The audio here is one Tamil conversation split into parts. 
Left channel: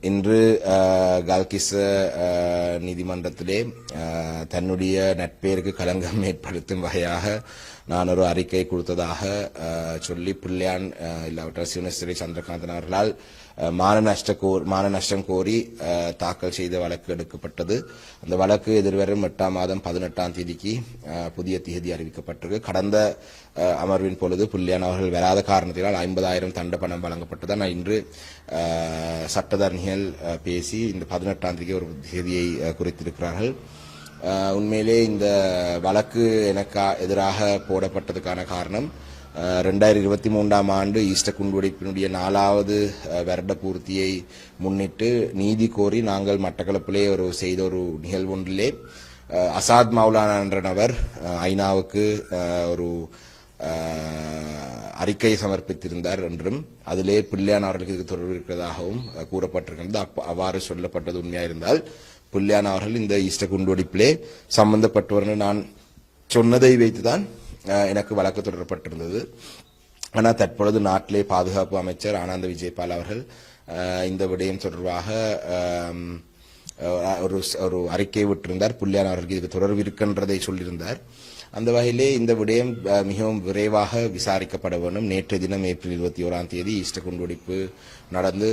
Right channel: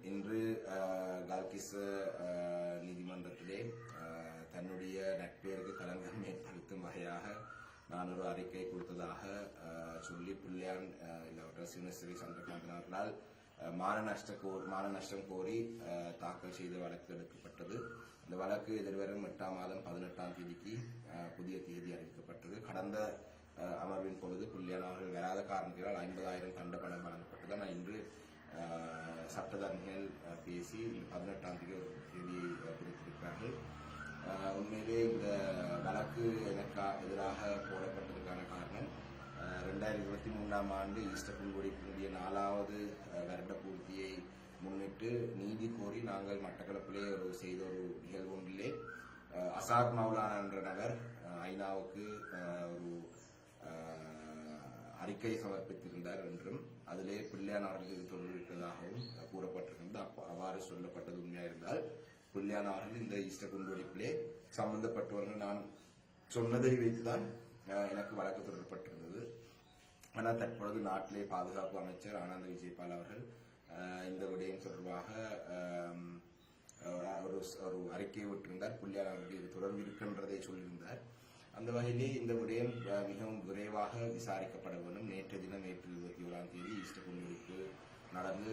இன்று கால்கிஸ் நீதிமன்றத்திலே தன்னுடைய நட்பேருக்கு களங்கம் ஏற்படுத்தும் வகையாக நான் ஒரு அறிக்கை கொடுத்ததாக சொல்லி பிள்ளையான் அஹ், இல்லாவிட்டால் சிவனஸ்ரீ சந்திரகாந்தன் அவர்களால் மான நஷ்ட கோர் மான நஷ்டம் கோரி தாக்கல் செய்த வழக்கு எடுக்கப்பட்டது அந்த வழக்கு எதிர்வரும் எட்டாம் மாதம் பதினெட்டாம் தேதிக்கு புதிய தேதி அறிவிக்கப்பட்டிருக்கு கடந்த அமர்வின் பொழுது புள்ளியான் அவர்கள் வராத காரணத்தினால் ஐம்பதாயிரம் தண்ட பணம் வழங்கப்பட்டது ஆனால் இன்று சட்டத்தரணிகள் பேசி இந்த பதினெட்டாம் தேதிக்கு ஒரு தேதியை குறித்திருக்கிறார்கள். உண்மையிலே இந்த வழக்கு எனக்கு எதிராக போடப்பட்டதுக்கான காரணம் ரெண்டாயிரத்தி இருபத்தி மூன்றாம் ஆண்டு ஈஸ்டர் குண்டுவெடிப்பினுடைய நாலாவது வருட பூர்த்தியை முன்னிட்டு நீதி கோரி நாங்கள் மட்டக்களப்பிலே ஒரு செய்த ஒரு நிகழ்வு ஒன்றிலே அசாத் மௌலானா என்ற நபர் ஐநாவுக்கு ஒரு அறிக்கை சமர்ப்பித்திருந்தார் என்றும் அதிலே பிள்ளையான் அவர்களுக்கு இது தொடர்பு இருக்கிறதாகவும் கூறப்பட்டிருக்கிறது. அவ்வாறு சொல்லப்பட்டது உண்மையாயிருந்தால் பிள்ளையான் அவர்கள் இந்த ஈஸ்டர் குண்டுவெடிப்பிலே சம்பந்தப்பட்டவர்கள் நான் சொன்னதை வைத்துதான் எனக்கு வழக்கு தொடரப்பட்டிருந்தது. ஆனால் தற்பொழுது நாட்டிலே பாதுகாப்பு அமைச்சர் ஆனந்த விஜயபால் அவர்கள் இந்த விடயம் தொடர்பாக ஒரு ஒரு அறிக்கை விட்டிருந்தார். புள்ளியான் அவர்களுக்கு இதுக்கு தொடர்பு இருக்கின்றதை சொல்லியிருந்தார். அந்த வகையிலே இந்த விடயம் மிகவும் விரைவாக விசாரிக்கப்பட வேண்டும். நேற்றைய தினம் ஏப்ரல் இருபத்தி ஓராம் தேதி ஈஸ்டர் குண்டுவெடிப்பு நடந்து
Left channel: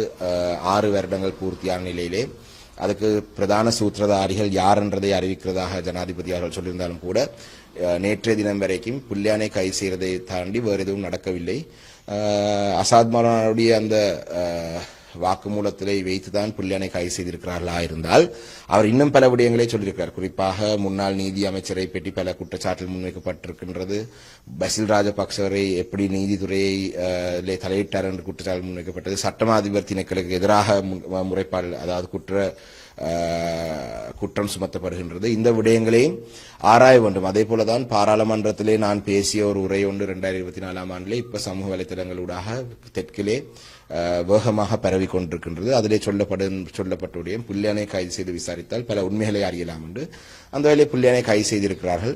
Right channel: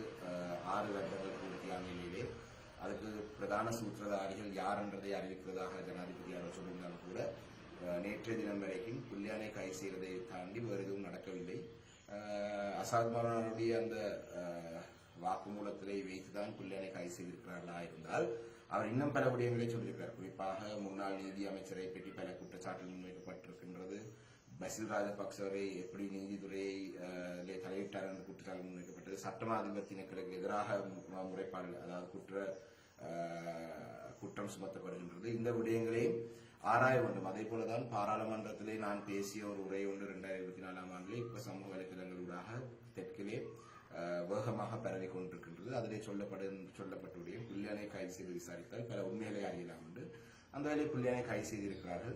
ஆறு வருடங்கள் பூர்த்தியான நிலையிலே அதுக்கு பிரதான சூத்திரதாரிகள் யார் என்றதை அறிவிக்கிறதாக ஜனாதிபதி அவர்கள் சொல்லியிருந்தாலும் கூட நேற்றைய தினம் வரைக்கும் புல்யானை கை செய்வதை தாண்டி வேறு எதுவும் நடக்கவில்லை. அசாத் மௌலானாவுடைய அந்த வாக்குமூலத்திலே வைத்துதான் புல்லியானை கைது செய்திருக்கிறார்களா இருந்தால் அவர் இன்னும் பல விடயங்களை சொல்லியிருக்கிறார். குறிப்பாக முன்னாள் நீதி அமைச்சரை பற்றி பல குற்றச்சாட்டில் முன்வைக்கப்பட்டிருக்கின்றது. பசில் ராஜபக்சவரை எப்படி நீதித்துறையை தலையிட்டார் என்று குற்றச்சாட்டு முன்வைக்கப்பட்டது. சட்டமா அதிபர் திணைக்களுக்கு எதிராக முன்- முறைப்பாடு அதாவது குற்ற குற்றம் சுமத்தப்படுகின்றது. இந்த விடயங்களையும் ஆராய வேண்டும். அதே போலதான் பாராளுமன்றத்திலே நான் பேசிய ஒரு உரை ஒன்று இரண்டாயிரத்தி இருபத்தி நாலாம் ஆண்டிலே இப்ப சமூக வலைத்தளங்களூடாக தெற்கிலே வேகமாக பரவி கொண்டிருக்கின்றது. அதிலே சொல்லப்படும் சொல்லப்பட்டுடைய புல்லியானை கைது செய்து விசாரித்தால் பல உண்மைகளை அறியலாம் என்று அந்த வேலை புல்லியானை கைது செய்திருக்கிறார்கள்.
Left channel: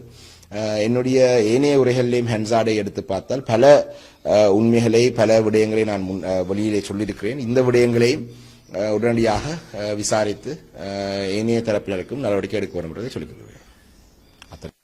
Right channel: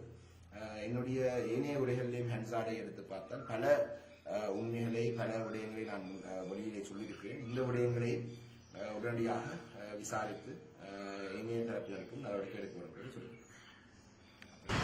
என்னுடைய ஏனைய உரைகளிலேயும் ஹென்சாடை எடுத்து பார்த்தால் பல உண்மைகளை பல விடயங்களை நான் முன் வெளியிலே சொல்லியிருக்கிறேன். இந்த விடயங்களையும் உடனடியாக விசாரித்து ஏனைய தரப்பினருக்கும் நடவடிக்கை எடுக்க வேண்டும் என்பதை சொல்லிக் கொள்கிறேன். அத்தனை.